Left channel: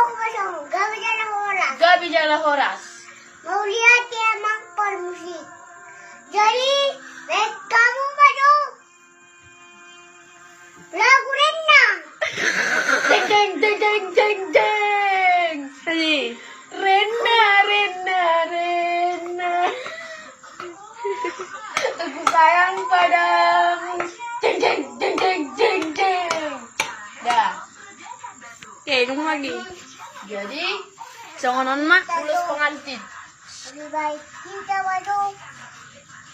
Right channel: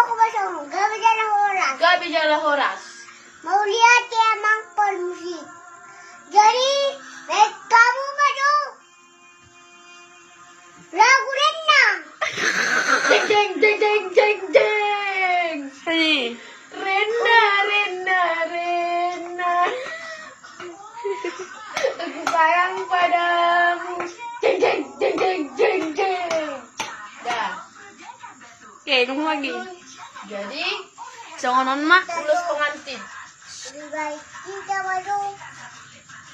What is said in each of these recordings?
ko ba sa mo? Gabi dyan ang oras. Gabi dyan ang oras. Maulihat kaya mang permusik. Jadi, kamu ba do? Lagu rin na. Ding, ding, ding, ding, ding, ding. Hey. Rena, Rena, Rena. Aku sayang padamu. Ding, ding, ding, ding, ding, ding. Dah. Okay, nung lagi. Jadi, So, non mak. ulus pengantin. Lebih baik kita baru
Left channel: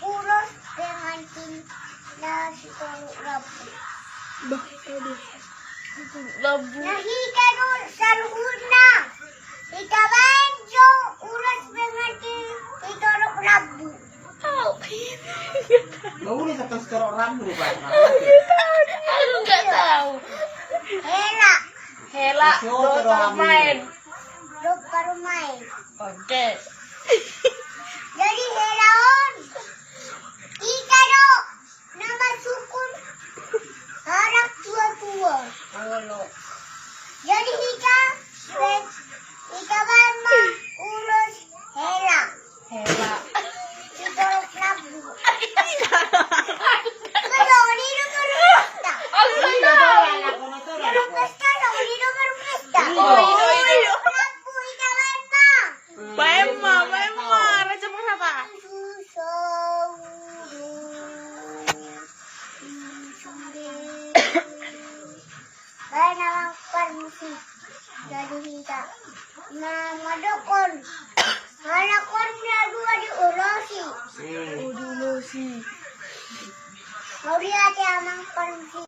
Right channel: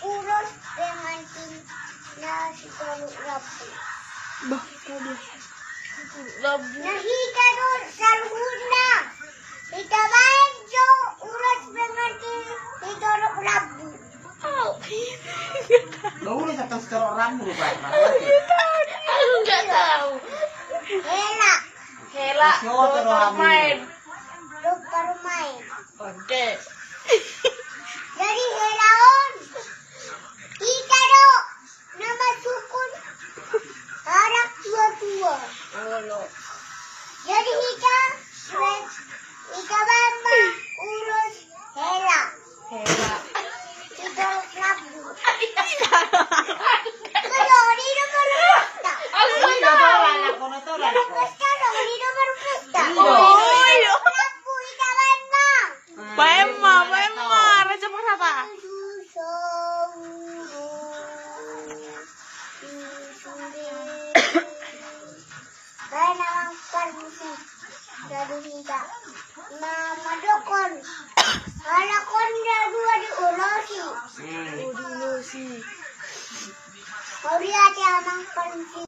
urus dengan tim nasi kalau rapi. Bah, Labu. Nahi kalau saluhun na. Kita banjo urus dengan tim kita rapi. Naulit atas kerok rambut kan? Aku nggak tahu. Hela, Hela, dokter main. baru main. Oke. Jadi helaon. Kita do nama sukun harap tua-tua. Oh, no. Jadi kita bamba urus hela. Hela. Kita rapi. Kalau di rumah pesta. Aku nggak tahu. Rumah pesta dong, di rumah pesta. Oh, itu. Rapu kita bamba. Paema, Raja Parhata. Kaya naman permisi. Jadi kita Mama Dokon